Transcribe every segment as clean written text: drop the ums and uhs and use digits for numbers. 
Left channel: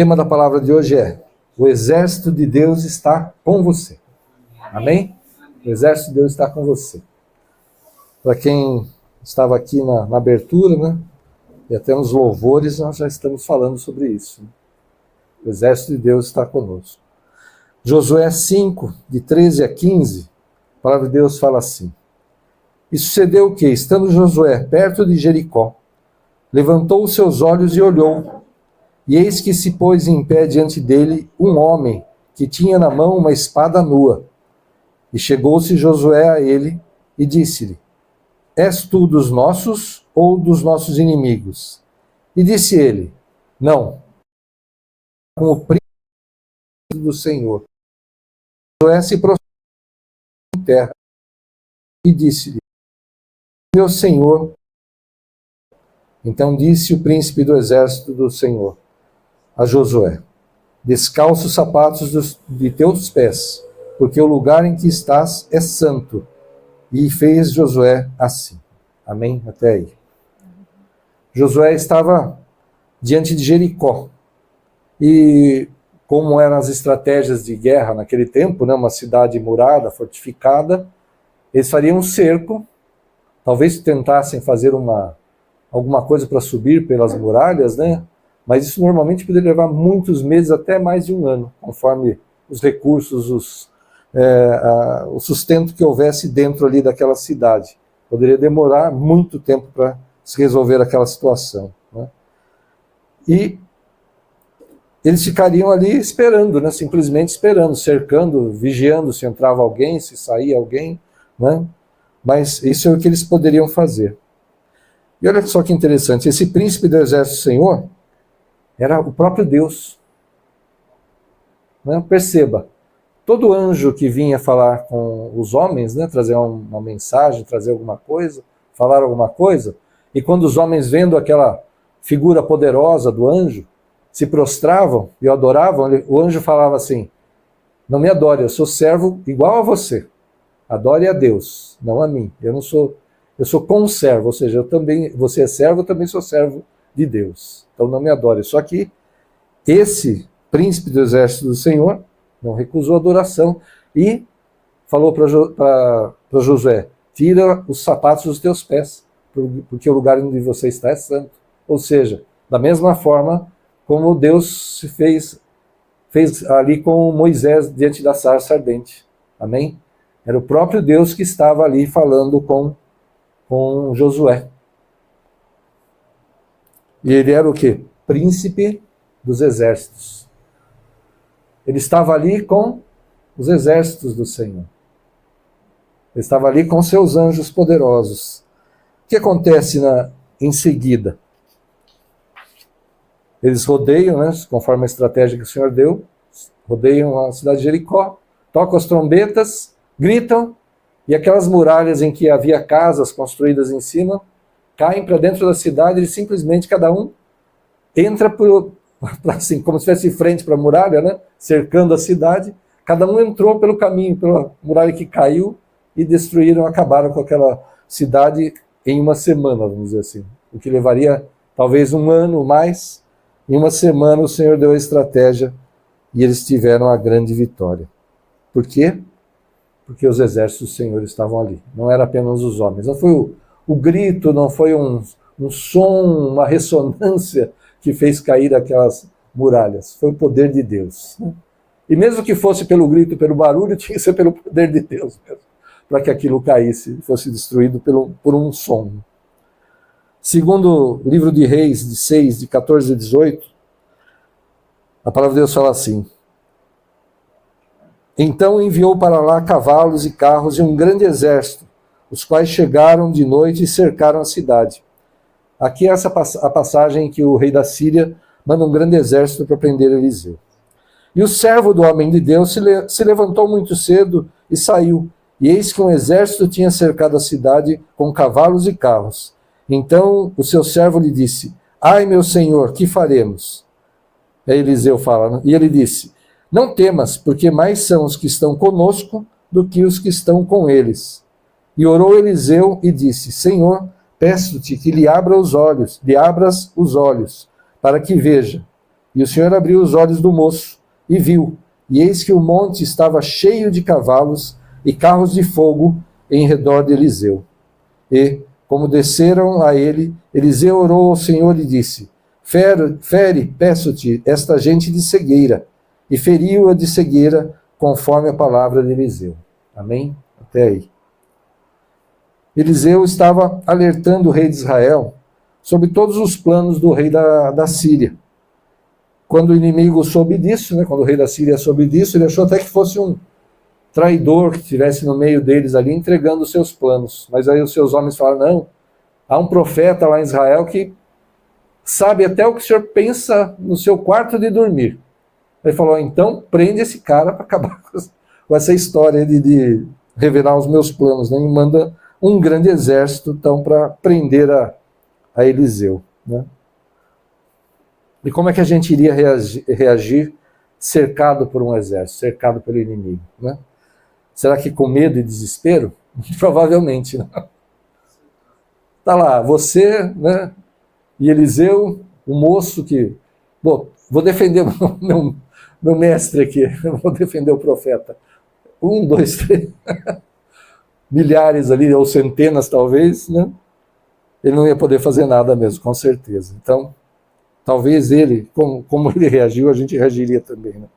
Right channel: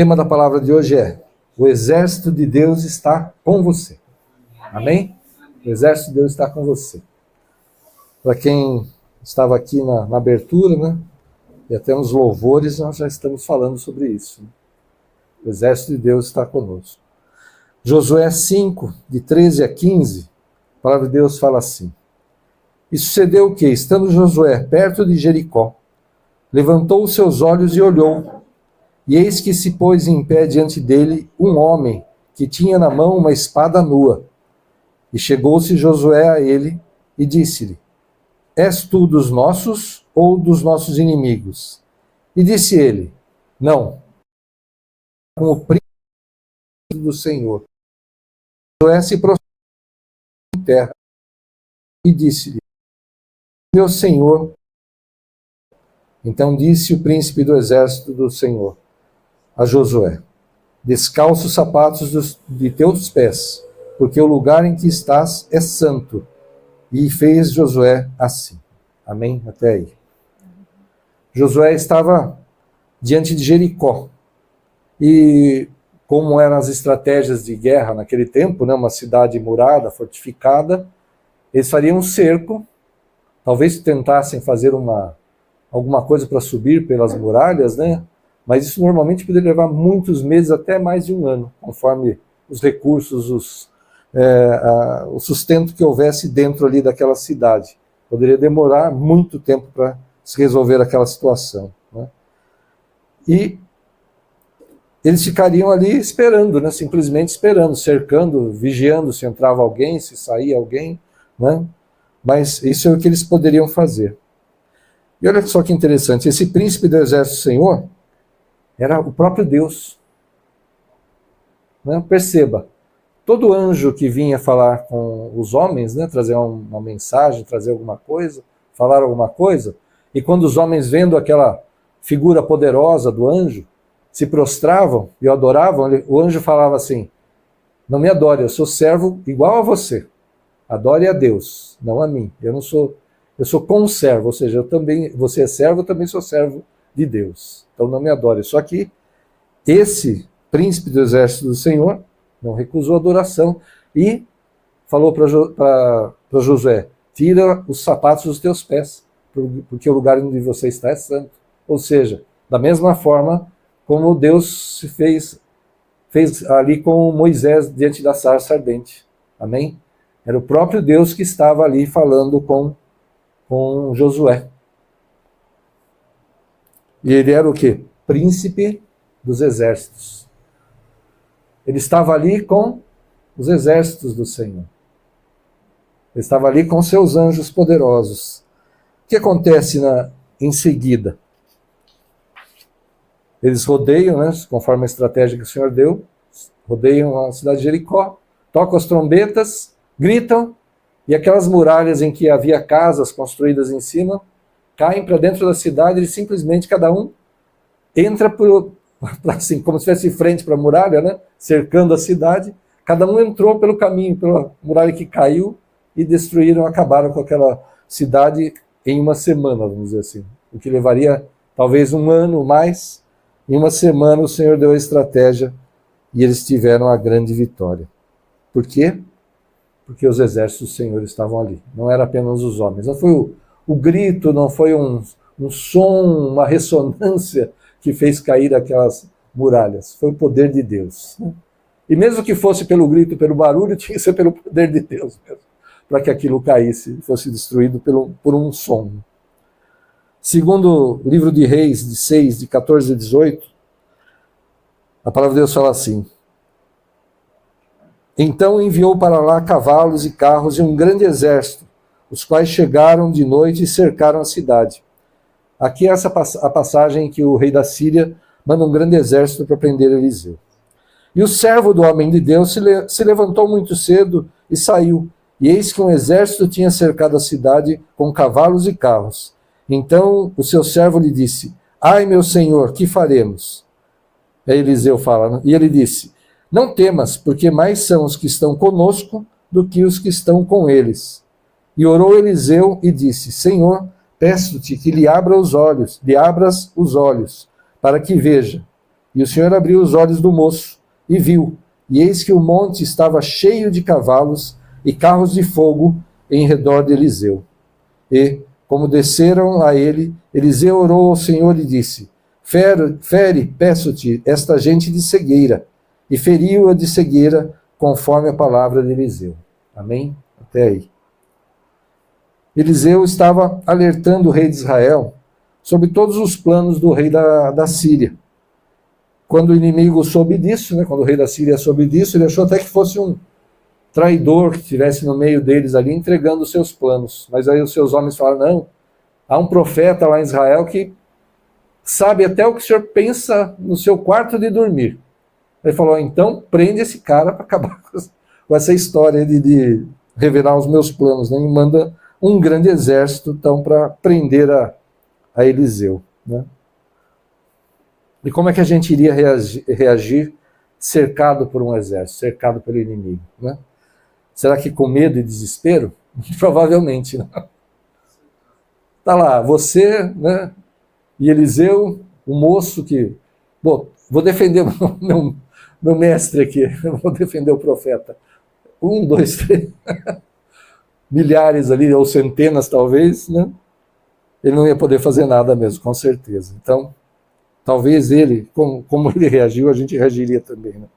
tema da palavra de hoje é: o exército de Deus está com você. Amém? O exército de Deus está com você. Para quem estava aqui na abertura, né? E até nos louvores, nós já estamos falando sobre isso. O exército de Deus está conosco. Josué 5, de 13 a 15, a palavra de Deus fala assim: E sucedeu o que, estando Josué perto de Jericó, levantou os seus olhos e olhou, e eis que se pôs em pé diante dele um homem que tinha na mão uma espada nua. E chegou-se Josué a ele e disse-lhe: És tu dos nossos ou dos nossos inimigos? E disse ele: Não, com o príncipe do Senhor. Josué se prostrou em terra e disse-lhe: Meu Senhor. Então disse o príncipe do exército do Senhor a Josué: Descalça os sapatos de teus pés, porque o lugar em que estás é santo. E fez Josué assim. Amém? Até aí. Josué estava diante de Jericó. E como eram as estratégias de guerra naquele tempo, né, uma cidade murada, fortificada, eles fariam um cerco, talvez tentassem fazer alguma coisa para subir pelas muralhas, né? Mas isso normalmente poderia levar muitos meses, até mais de um ano, conforme os recursos, o sustento que houvesse dentro ali daquela cidade. Poderia demorar muito tempo para se resolver aquela situação, né? E eles ficariam ali esperando, né? Simplesmente esperando, cercando, vigiando se entrava alguém, se saía alguém, né? Mas isso é o que eles poderiam fazer. E olha só que interessante, esse príncipe do exército do Senhor era o próprio Deus. Né? Perceba, todo anjo que vinha falar com os homens, né, trazer uma mensagem, trazer alguma coisa, falar alguma coisa, e quando os homens, vendo aquela figura poderosa do anjo, se prostravam e o adoravam, o anjo falava assim: Não me adore, eu sou servo igual a você. Adore a Deus, não a mim. Eu sou conservo, ou seja, você é servo, eu também sou servo de Deus. Então não me adore. Só que esse príncipe do exército do Senhor não recusou a adoração e falou para Josué: Tira os sapatos dos teus pés, porque o lugar onde você está é santo. Ou seja, da mesma forma como Deus se fez ali com Moisés diante da sarça ardente. Amém? Era o próprio Deus que estava ali falando com Josué. E ele era o quê? Príncipe dos exércitos. Ele estava ali com os exércitos do Senhor. Ele estava ali com seus anjos poderosos. O que acontece em seguida? Eles rodeiam, né, conforme a estratégia que o Senhor deu, rodeiam a cidade de Jericó, tocam as trombetas, gritam, e aquelas muralhas em que havia casas construídas em cima caem para dentro da cidade e simplesmente cada um entra assim, como se fosse frente para a muralha, né, cercando a cidade. Cada um entrou pelo caminho, pela muralha que caiu, e destruíram, acabaram com aquela cidade em uma semana, vamos dizer assim. O que levaria talvez um ano ou mais. Em uma semana o Senhor deu a estratégia e eles tiveram a grande vitória. Por quê? Porque os exércitos do Senhor estavam ali. Não era apenas os homens. Não foi o grito, não foi um som, uma ressonância que fez cair aquelas muralhas. Foi o poder de Deus. E mesmo que fosse pelo grito, pelo barulho, tinha que ser pelo poder de Deus mesmo, para que aquilo caísse, fosse destruído por um som. Segundo o livro de Reis, de 6, de 14 a 18, a palavra de Deus fala assim: Então enviou para lá cavalos e carros e um grande exército, os quais chegaram de noite e cercaram a cidade. Aqui é a passagem em que o rei da Síria manda um grande exército para prender Eliseu. E o servo do homem de Deus se levantou muito cedo e saiu, e eis que um exército tinha cercado a cidade com cavalos e carros. Então o seu servo lhe disse: Ai, meu senhor, que faremos? Aí Eliseu fala, e ele disse: Não temas, porque mais são os que estão conosco do que os que estão com eles. E orou Eliseu e disse: Senhor, peço-te que lhe abras os olhos, para que veja. E o Senhor abriu os olhos do moço e viu, e eis que o monte estava cheio de cavalos e carros de fogo em redor de Eliseu. E, como desceram a ele, Eliseu orou ao Senhor e disse: Fere, peço-te, esta gente de cegueira. E feriu-a de cegueira, conforme a palavra de Eliseu. Amém? Até aí. Eliseu estava alertando o rei de Israel sobre todos os planos do rei da Síria. Quando o inimigo soube disso, né, quando o rei da Síria soube disso, ele achou até que fosse um traidor que estivesse no meio deles ali, entregando os seus planos. Mas aí os seus homens falaram: não, há um profeta lá em Israel que sabe até o que o senhor pensa no seu quarto de dormir. Ele falou: então prende esse cara para acabar com essa história de revelar os meus planos, né? E manda um grande exército então para prender a Eliseu, né? E como é que a gente iria reagir cercado por um exército, cercado pelo inimigo, né? Será que com medo e desespero? Provavelmente, né? Tá lá, você, né, e Eliseu, o moço que... Bom, vou defender meu mestre aqui, vou defender o profeta. 1, 2, 3... milhares ali, ou centenas talvez, né? Ele não ia poder fazer nada mesmo, com certeza. Então, talvez ele, como ele reagiu, a gente reagiria também, né?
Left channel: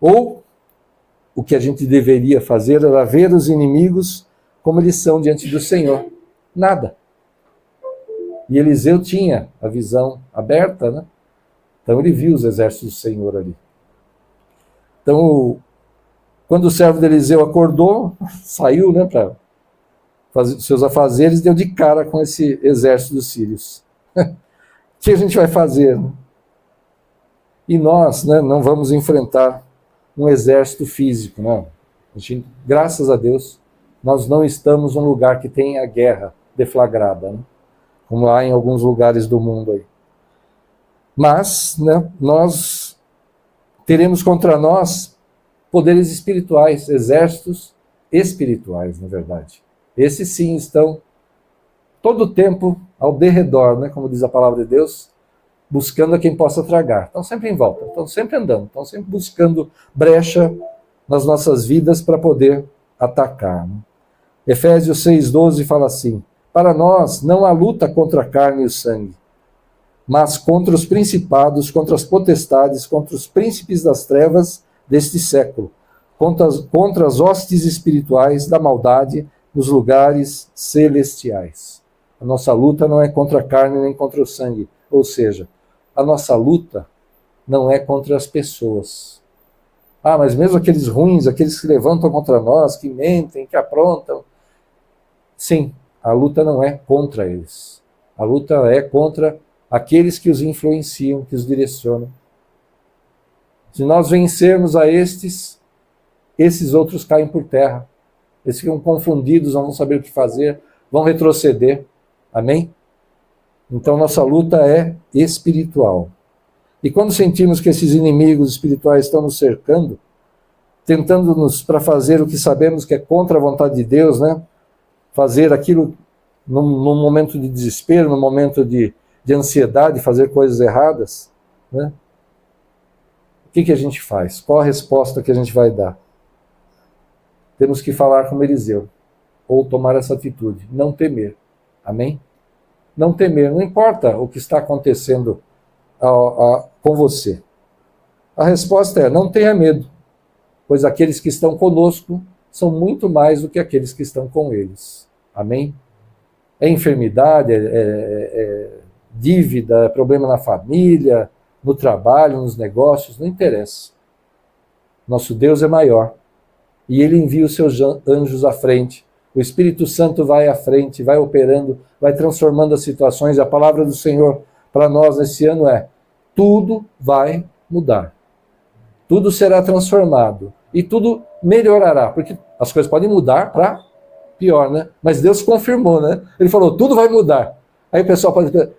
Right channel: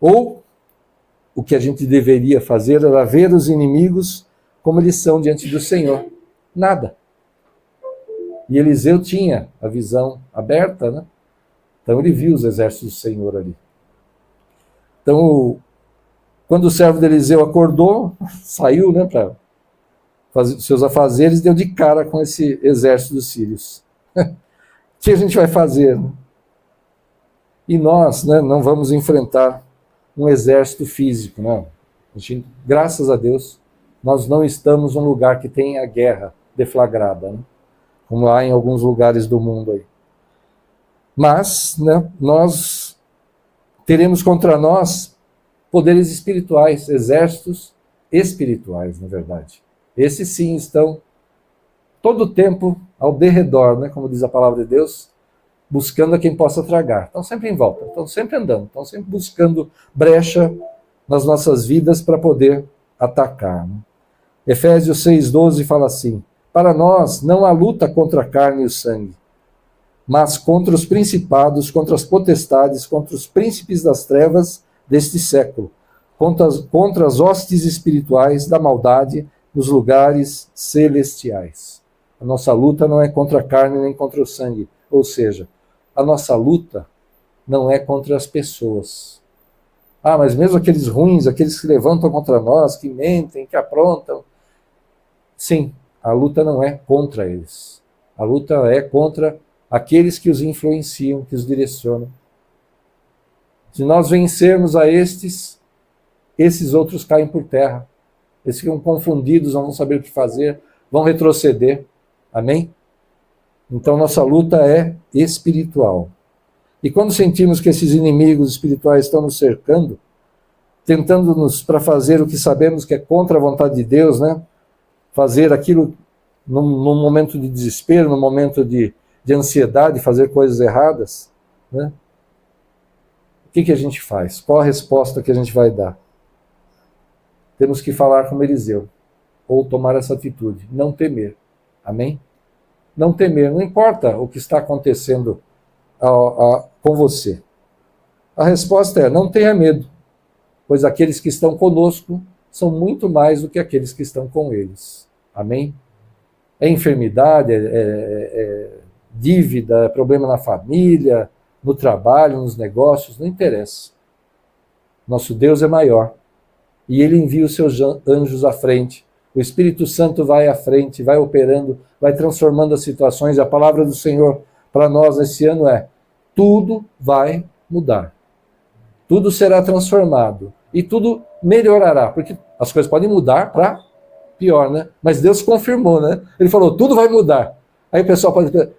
Ou o que a gente deveria fazer era ver os inimigos como eles são diante do Senhor. Nada. E Eliseu tinha a visão aberta, né? Então ele viu os exércitos do Senhor ali. Então, quando o servo de Eliseu acordou, saiu, né, para fazer seus afazeres, deu de cara com esse exército dos sírios. O que a gente vai fazer, né? E nós, né, não vamos enfrentar um exército físico, não. Graças a Deus, nós não estamos num lugar que tenha guerra deflagrada, né? Como há em alguns lugares do mundo aí. Mas, né, nós teremos contra nós poderes espirituais, exércitos espirituais, na verdade. Esses sim estão todo o tempo ao derredor, né, como diz a palavra de Deus, buscando a quem possa tragar. Estão sempre em volta, estão sempre andando, estão sempre buscando brecha nas nossas vidas para poder atacar, né? Efésios 6,12 fala assim: para nós não há luta contra a carne e o sangue, mas contra os principados, contra as potestades, contra os príncipes das trevas deste século, contra as hostes espirituais da maldade nos lugares celestiais. A nossa luta não é contra a carne nem contra o sangue, ou seja, a nossa luta não é contra as pessoas. Ah, mas mesmo aqueles ruins, aqueles que levantam contra nós, que mentem, que aprontam. Sim, a luta não é contra eles. A luta é contra aqueles que os influenciam, que os direcionam. Se nós vencermos a esses outros caem por terra. Eles ficam confundidos, não vão saber o que fazer, vão retroceder. Amém? Então nossa luta é espiritual. E quando sentimos que esses inimigos espirituais estão nos cercando, tentando-nos para fazer o que sabemos que é contra a vontade de Deus, né? Fazer aquilo num momento de desespero, num momento de ansiedade, fazer coisas erradas, né? O que a gente faz? Qual a resposta que a gente vai dar? Temos que falar como Eliseu, ou tomar essa atitude, não temer. Amém? Não temer, não importa o que está acontecendo com você. A resposta é: não tenha medo, pois aqueles que estão conosco são muito mais do que aqueles que estão com eles. Amém? É enfermidade, é dívida, é problema na família, no trabalho, nos negócios, não interessa. Nosso Deus é maior. E Ele envia os seus anjos à frente. O Espírito Santo vai à frente, vai operando, vai transformando as situações. A palavra do Senhor para nós esse ano é: tudo vai mudar. Tudo será transformado. E tudo melhorará. Porque as coisas podem mudar para pior, né? Mas Deus confirmou, né? Ele falou: tudo vai mudar. Aí o pessoal pode dizer:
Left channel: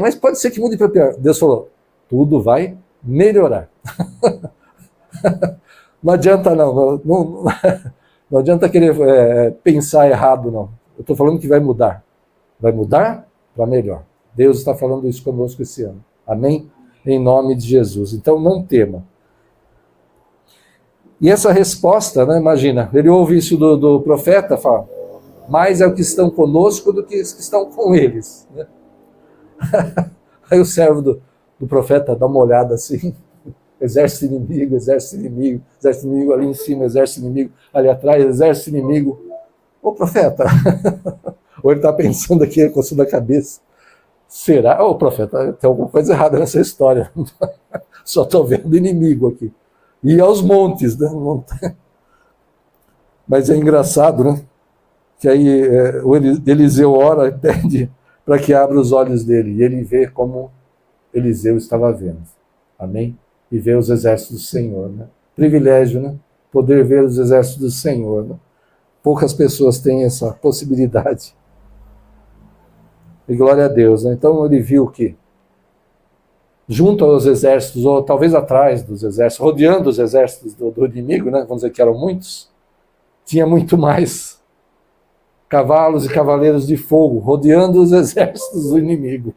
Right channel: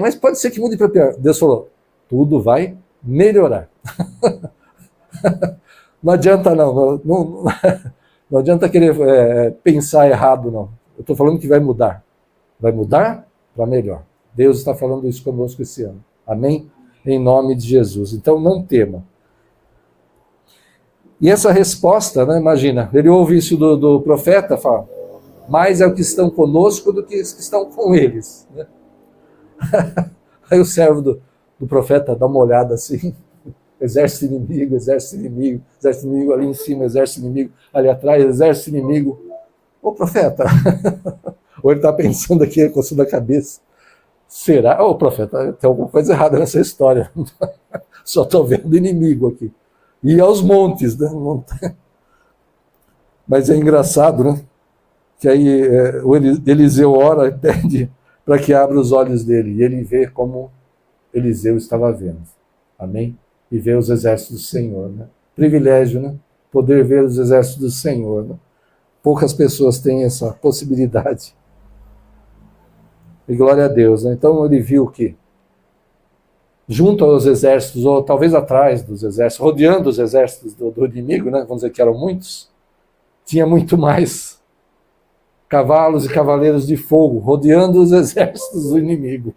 mas pode ser que mude para pior. Deus falou: tudo vai melhorar. Não adianta não adianta querer pensar errado, não. Eu estou falando que vai mudar. Vai mudar para melhor. Deus está falando isso conosco esse ano. Amém? em nome de Jesus. Então não tema. E essa resposta, né, imagina, ele ouve isso do profeta, fala, mais é o que estão conosco do que os que estão com eles. Né? Aí o servo do profeta dá uma olhada assim, exército inimigo, exército inimigo ali em cima, exército inimigo ali atrás, exército inimigo. Ô profeta, ou ele está pensando aqui, coçando a cabeça, será? Ô profeta, tem alguma coisa errada nessa história, só estou vendo inimigo aqui. E aos montes, né? Mas é engraçado, né? Que aí o Eliseu ora e pede para que abra os olhos dele, e ele vê como Eliseu estava vendo. Amém? E vê os exércitos do Senhor, né? Privilégio, né? Poder ver os exércitos do Senhor, né? Poucas pessoas têm essa possibilidade. E glória a Deus, né? Então ele viu que junto aos exércitos, ou talvez atrás dos exércitos, rodeando os exércitos do inimigo, né? Vamos dizer que eram muitos, tinha muito mais cavalos e cavaleiros de fogo, rodeando os exércitos do inimigo.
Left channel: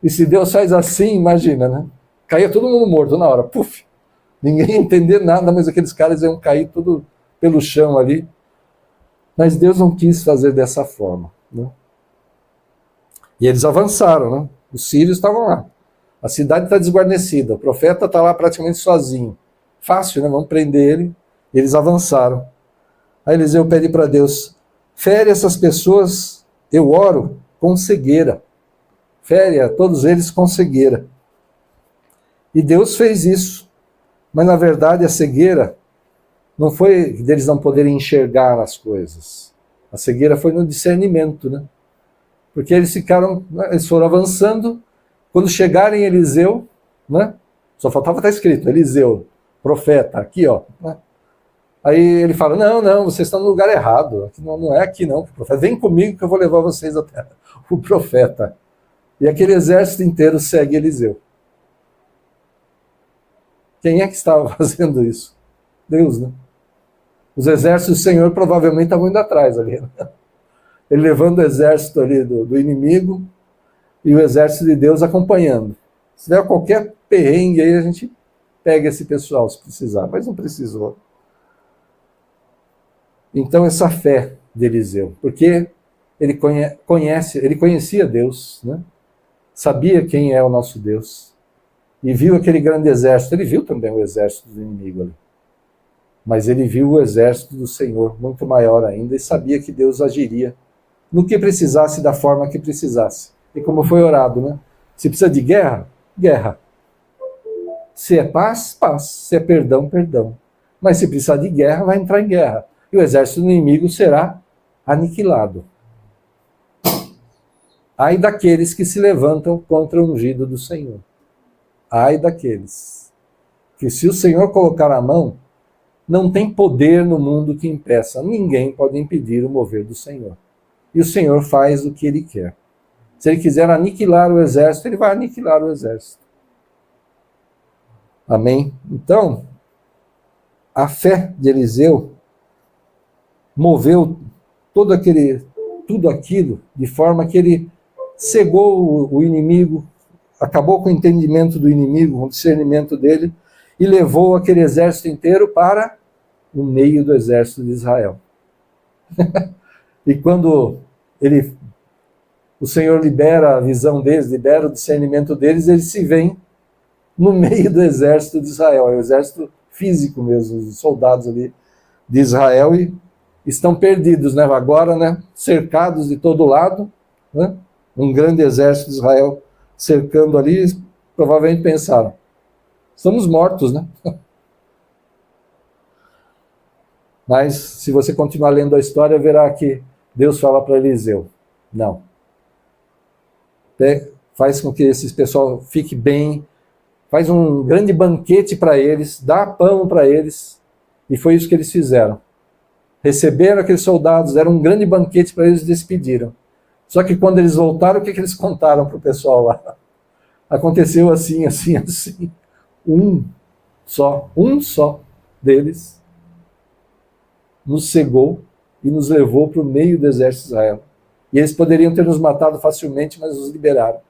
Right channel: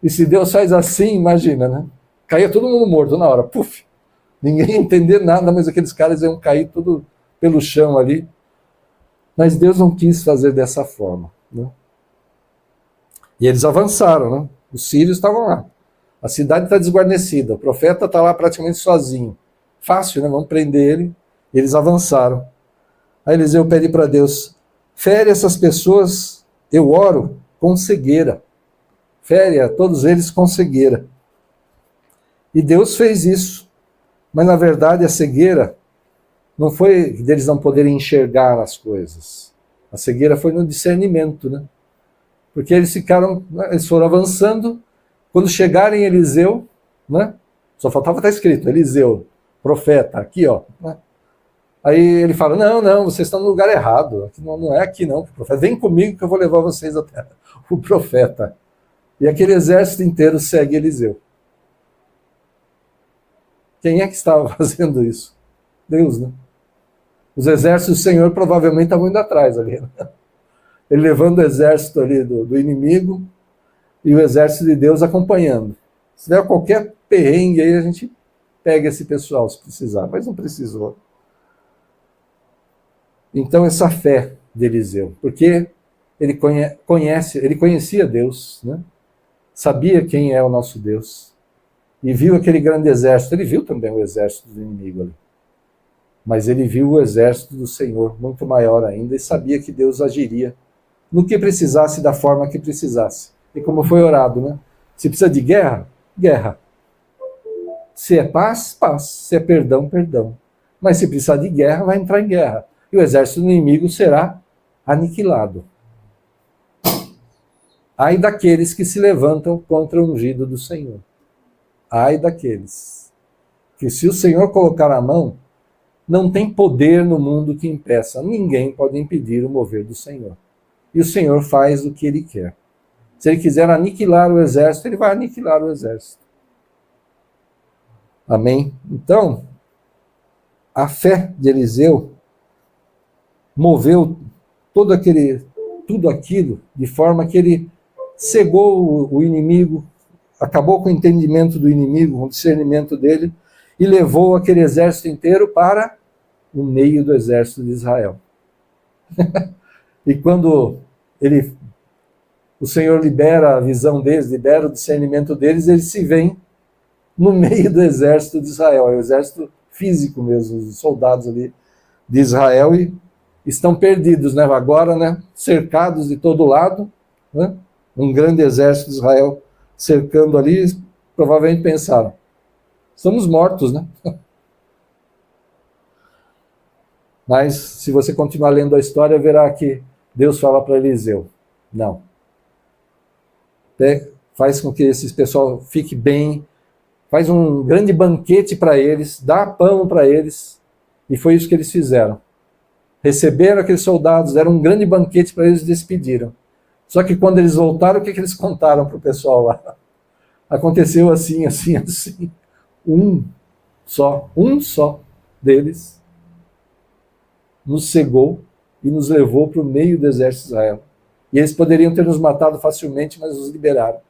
E se Deus faz assim, imagina, né? Caía todo mundo morto na hora, puf! Ninguém ia entender nada, mas aqueles caras iam cair tudo pelo chão ali. Mas Deus não quis fazer dessa forma, né? E eles avançaram, né? Os sírios estavam lá. A cidade está desguarnecida, o profeta está lá praticamente sozinho. Fácil, né? Vamos prender ele. E eles avançaram. Aí Eliseu pede para Deus, fere essas pessoas, eu oro, com cegueira. Fere a todos eles com cegueira. E Deus fez isso. Mas na verdade a cegueira não foi deles não poderem enxergar as coisas. A cegueira foi no discernimento, né? Porque eles foram avançando. Quando chegarem Eliseu, né? Só faltava estar escrito, Eliseu, profeta, aqui, ó. Né? Aí ele fala, não, vocês estão no lugar errado. Não é aqui não, profeta. Vem comigo que eu vou levar vocês até o profeta. E aquele exército inteiro segue Eliseu. Quem é que estava fazendo isso? Deus, né? Os exércitos do Senhor provavelmente estavam indo atrás ali. Né? Ele levando o exército ali do inimigo e o exército de Deus acompanhando. Se der qualquer perrengue aí, a gente pega esse pessoal se precisar, mas não precisou. Então essa fé de Eliseu, porque ele conhecia Deus, né? Sabia quem é o nosso Deus, e viu aquele grande exército. Ele viu também o exército do inimigo ali, mas ele viu o exército do Senhor muito maior ainda, e sabia que Deus agiria no que precisasse, da forma que precisasse. E como foi orado, né? Se precisa de guerra, guerra. Se é paz, paz. Se é perdão, perdão. Mas se precisar de guerra, vai entrar em guerra. E o exército do inimigo será aniquilado. Ai daqueles que se levantam contra o ungido do Senhor. Ai daqueles. Que se o Senhor colocar a mão, não tem poder no mundo que impeça. Ninguém pode impedir o mover do Senhor. E o Senhor faz o que Ele quer. Se Ele quiser aniquilar o exército, Ele vai aniquilar o exército. Amém? Então, a fé de Eliseu moveu tudo aquilo, de forma que ele cegou o inimigo, acabou com o entendimento do inimigo, com o discernimento dele, e levou aquele exército inteiro para o meio do exército de Israel. E quando o Senhor libera a visão deles, libera o discernimento deles, eles se veem no meio do exército de Israel, é o exército físico mesmo, os soldados ali de Israel, e estão perdidos, né? Agora, né? Cercados de todo lado, né? Um grande exército de Israel cercando ali, provavelmente pensaram, estamos mortos, né? Mas, se você continuar lendo a história, verá que Deus fala para Eliseu, não. Faz com que esse pessoal fique bem, faz um grande banquete para eles, dá pão para eles, e foi isso que eles fizeram. Receberam aqueles soldados, deram um grande banquete para eles e despediram. Só que quando eles voltaram, o que eles contaram para o pessoal lá? Aconteceu assim, assim, assim. Um só deles nos cegou e nos levou para o meio do exército de Israel. E eles poderiam ter nos matado facilmente, mas nos liberaram.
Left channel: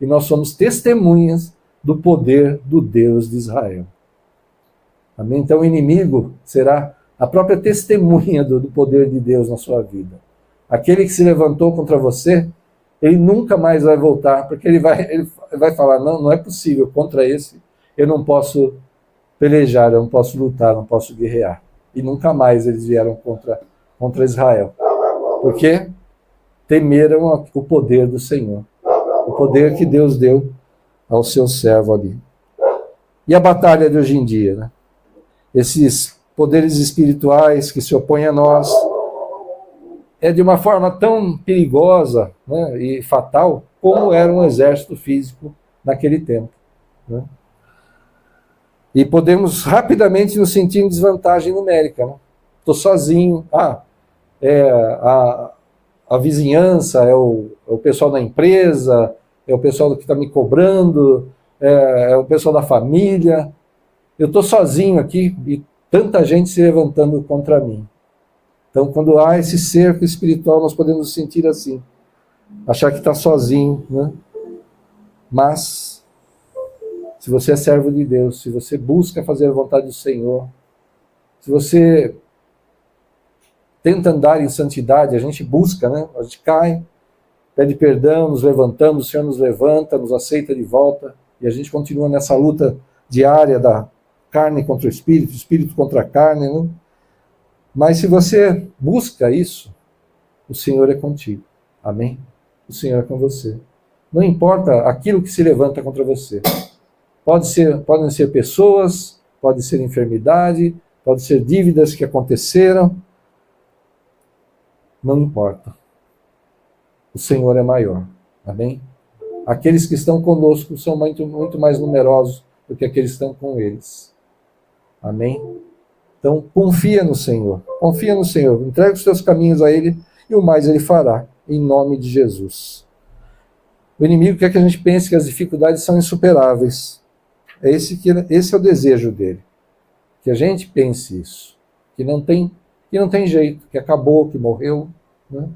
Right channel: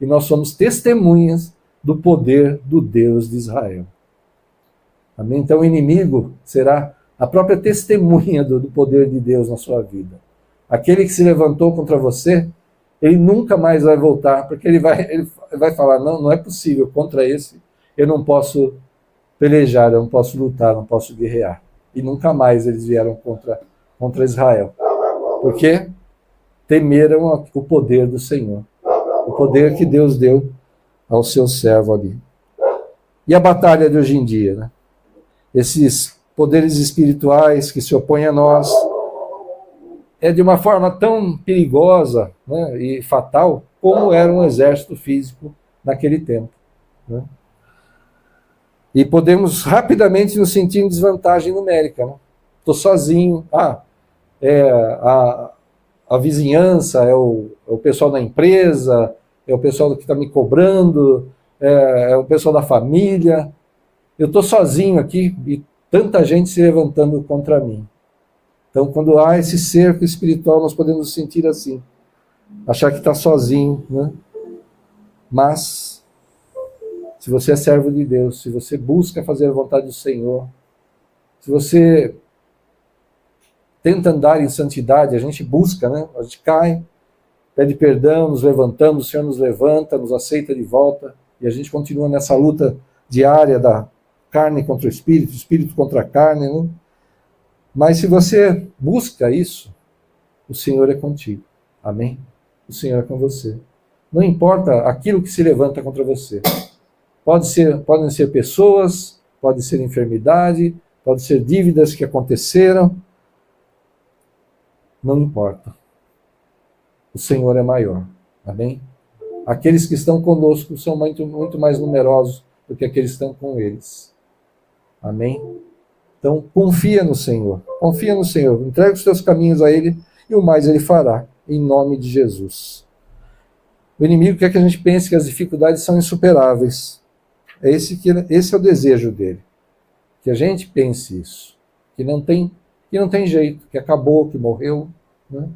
E nós somos testemunhas do poder do Deus de Israel. Amém? Então o inimigo será a própria testemunha do poder de Deus na sua vida. Aquele que se levantou contra você, ele nunca mais vai voltar, porque ele vai falar, não, não é possível, contra esse eu não posso pelejar, eu não posso lutar, não posso guerrear. E nunca mais eles vieram contra Israel. Porque temeram o poder do Senhor, o poder que Deus deu ao seu servo ali. E a batalha de hoje em dia, né? Esses poderes espirituais que se opõem a nós, é de uma forma tão perigosa, né, e fatal, como era um exército físico naquele tempo. Né? E podemos rapidamente nos sentir em desvantagem numérica. Estou sozinho. A vizinhança, é o pessoal da empresa, é o pessoal que está me cobrando, é o pessoal da família. Eu estou sozinho aqui e tanta gente se levantando contra mim. Então, quando há esse cerco espiritual, nós podemos nos sentir assim, achar que está sozinho, né? Mas, se você é servo de Deus, se você busca fazer a vontade do Senhor, se você tenta andar em santidade, a gente busca, né? A gente cai, pede perdão, nos levantamos, o Senhor nos levanta, nos aceita de volta, e a gente continua nessa luta diária da carne contra o espírito contra a carne, né? Mas se você busca isso, o Senhor é contigo. Amém? O Senhor é com você. Não importa aquilo que se levanta contra você. Podem ser pessoas, pode ser enfermidade, pode ser dívidas que aconteceram. Não importa. O Senhor é maior. Amém? Aqueles que estão conosco são muito, muito mais numerosos do que aqueles que estão com eles. Amém? Então, confia no Senhor. Confia no Senhor. Entrega os teus caminhos a Ele e o mais Ele fará. Em nome de Jesus. O inimigo quer que a gente pense que as dificuldades são insuperáveis. Esse é o desejo dele. Que a gente pense isso. Que não tem jeito. Que acabou, que morreu. Né?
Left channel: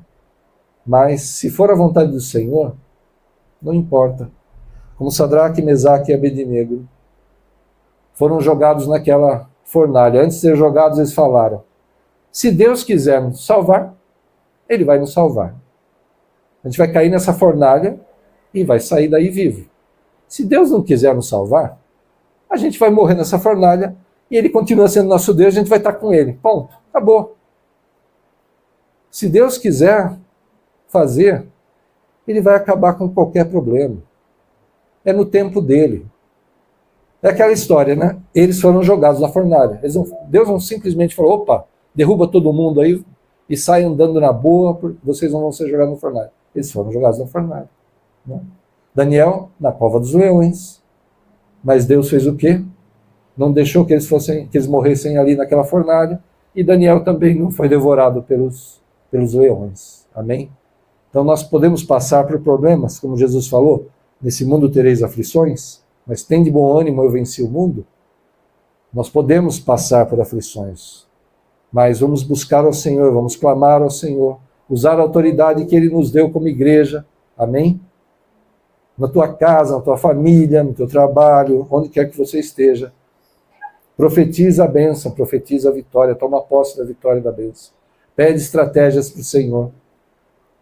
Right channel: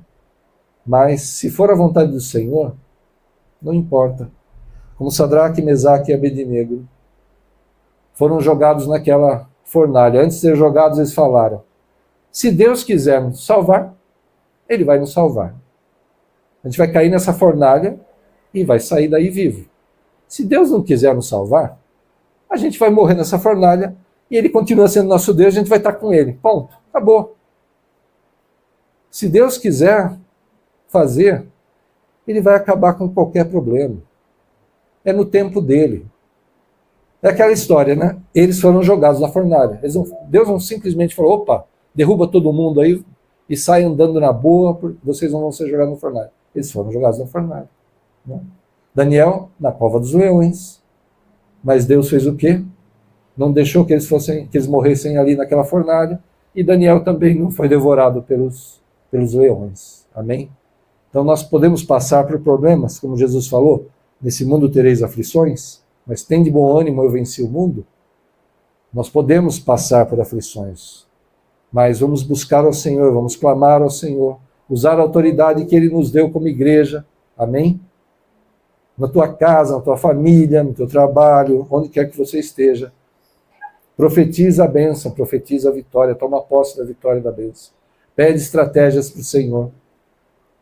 Mas, se for a vontade do Senhor, não importa. Como Sadraque, Mesaque e Abednego foram jogados naquela fornalha. Antes de ser jogados, eles falaram: se Deus quiser nos salvar, Ele vai nos salvar. A gente vai cair nessa fornalha e vai sair daí vivo. Se Deus não quiser nos salvar, a gente vai morrer nessa fornalha e Ele continua sendo nosso Deus, a gente vai estar com Ele. Ponto. Acabou. Se Deus quiser fazer, Ele vai acabar com qualquer problema. É no tempo dele. É aquela história, né? Eles foram jogados na fornalha. Deus não simplesmente falou: opa, derruba todo mundo aí e sai andando na boa, vocês não vão ser jogados na fornalha. Eles foram jogados na fornalha. Né? Daniel, na cova dos leões. Mas Deus fez o quê? Não deixou que eles morressem ali naquela fornalha. E Daniel também não foi devorado pelos leões. Amém? Então nós podemos passar por problemas, como Jesus falou: nesse mundo tereis aflições, mas tem de bom ânimo, eu venci o mundo. Nós podemos passar por aflições, mas vamos buscar ao Senhor, vamos clamar ao Senhor, usar a autoridade que Ele nos deu como igreja. Amém? Na tua casa, na tua família, no teu trabalho, onde quer que você esteja. Profetiza a bênção, profetiza a vitória, toma posse da vitória e da bênção. Pede estratégias para o Senhor.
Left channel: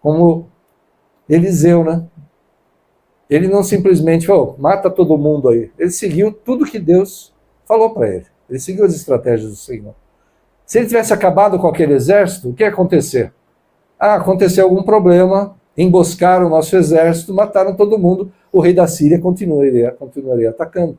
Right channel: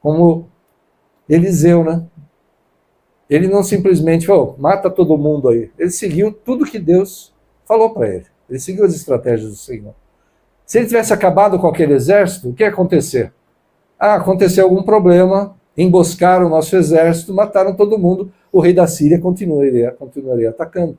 Como Eliseu, né? Ele não simplesmente falou: mata todo mundo aí. Ele seguiu tudo que Deus falou para ele. Ele seguiu as estratégias do Senhor. Se ele tivesse acabado com aquele exército, o que ia acontecer? Aconteceu algum problema, emboscaram o nosso exército, mataram todo mundo, o rei da Síria continuaria atacando.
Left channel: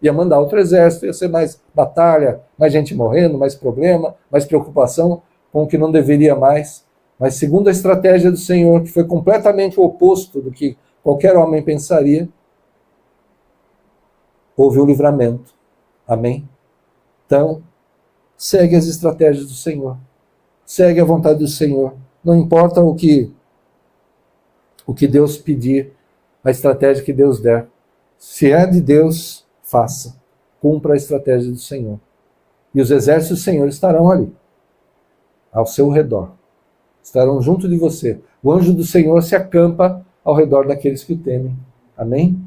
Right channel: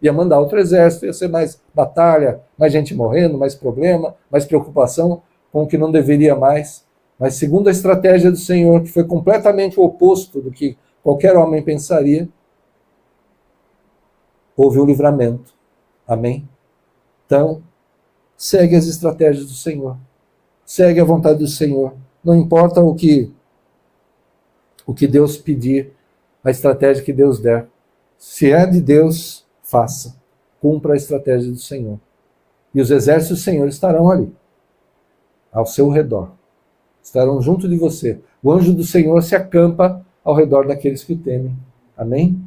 Ia mandar outro exército, ia ser mais batalha, mais gente morrendo, mais problema, mais preocupação com o que não deveria mais. Mas segundo a estratégia do Senhor, que foi completamente o oposto do que qualquer homem pensaria, houve um livramento. Amém? Então, segue as estratégias do Senhor. Segue a vontade do Senhor. Não importa o que Deus pedir, a estratégia que Deus der. Se é de Deus, faça. Cumpra a estratégia do Senhor. E os exércitos do Senhor estarão ali, ao seu redor. Estarão junto de você. O anjo do Senhor se acampa ao redor daqueles que o temem. Amém?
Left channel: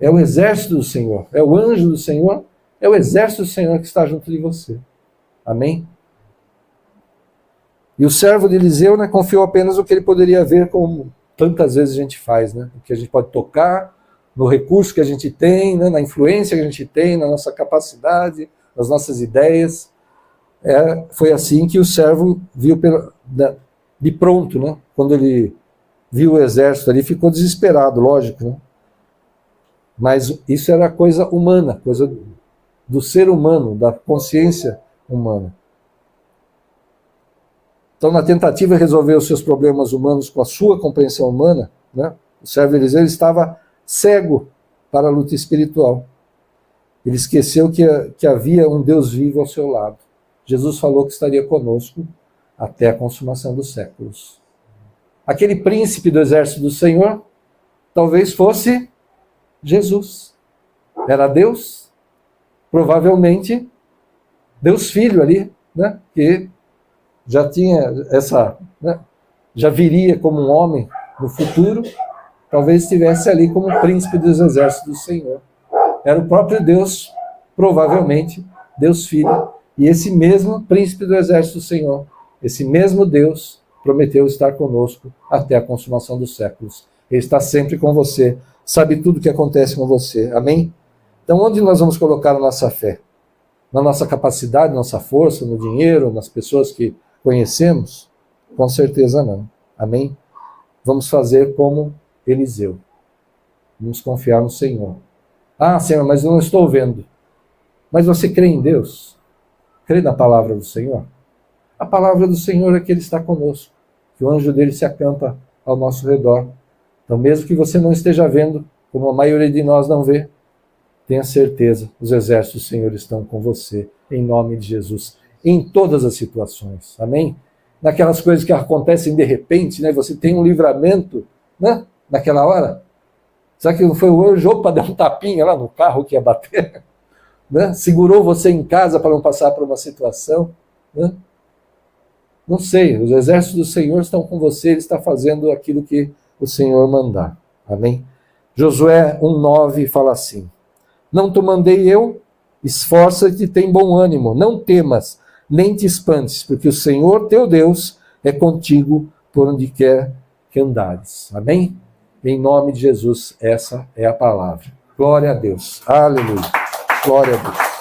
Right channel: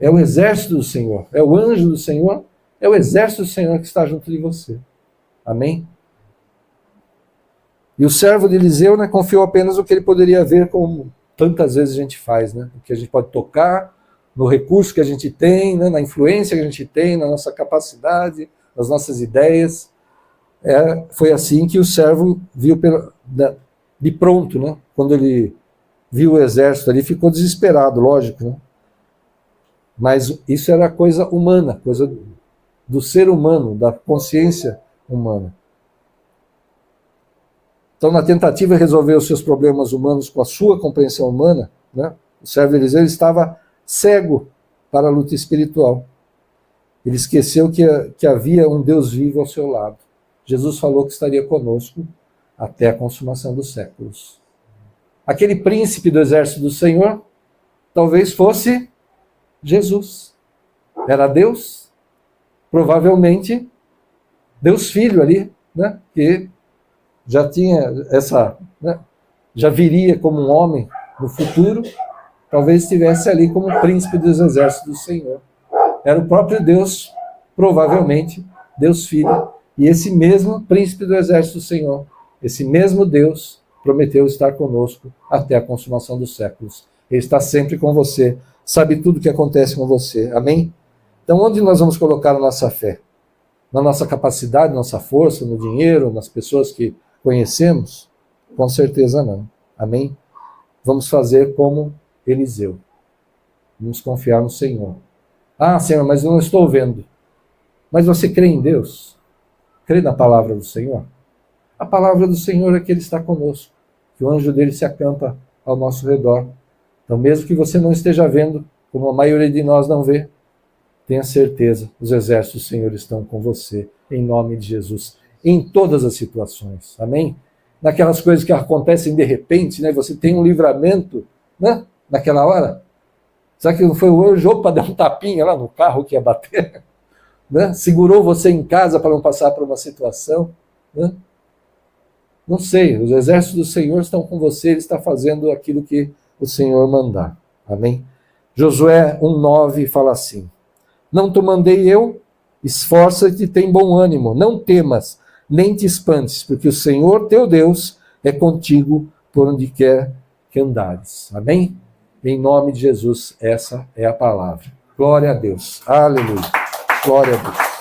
É o exército do Senhor, é o anjo do Senhor, é o exército do Senhor que está junto de você. Amém? E o servo de Eliseu, né, confiou apenas no que ele poderia ver, como tantas vezes a gente faz, né? O que a gente pode tocar, no recurso que a gente tem, né, na influência que a gente tem, na nossa capacidade, nas nossas ideias. Foi assim que o servo viu de pronto, né? Quando ele viu o exército ali, ficou desesperado, lógico, né? Mas isso era coisa humana, coisa do ser humano, da consciência humana. Então, na tentativa de resolver os seus problemas humanos com a sua compreensão humana, né, o servo Eliseu estava cego para a luta espiritual. Ele esqueceu que havia um Deus vivo ao seu lado. Jesus falou que estaria conosco até a consumação dos séculos. Aquele príncipe do exército do Senhor talvez fosse Jesus. Era Deus, provavelmente Deus Filho ali, né, que já tinha né, já viria como um homem no futuro, talvez estivesse ali como príncipe dos exércitos do Senhor. Era o próprio Deus, provavelmente, Deus Filho, e esse mesmo príncipe do exército do Senhor, esse mesmo Deus, prometeu estar conosco até a consumação dos séculos. Ele está sempre com você, sabe tudo o que acontece com você. Amém? Então, onde nós vamos colocar a nossa fé? Na nossa capacidade, na nossa força, no dinheiro, nas pessoas que conhecemos? Com certeza não. Amém? Vamos fazer como Eliseu. Vamos confiar no Senhor. Ah, Senhor, mas eu não estou vendo. Mas você crê em Deus? Crê na palavra do Senhor? A palavra do Senhor é que Ele está conosco, que o anjo dele se acampa ao nosso redor. Então, mesmo que você não esteja vendo, como a maioria de nós não vê, tenha certeza, os exércitos do Senhor estão com você, em nome de Jesus, em todas as situações. Amém? Naquelas coisas que acontecem de repente, né? Você tem um livramento, né? Naquela hora. Será que não foi o anjo para dar um tapinha lá no carro que ia bater? Né? Segurou você em casa para não passar por uma situação? Né? Não sei, os exércitos do Senhor estão com você, Ele está fazendo aquilo que o Senhor mandar. Amém? Josué 1,9 fala assim: não te mandei eu? Esforça-te e tem bom ânimo, não temas, nem te espantes, porque o Senhor teu Deus é contigo por onde quer que andares. Amém? Em nome de Jesus, essa é a palavra. Glória a Deus. Aleluia. Glória a Deus.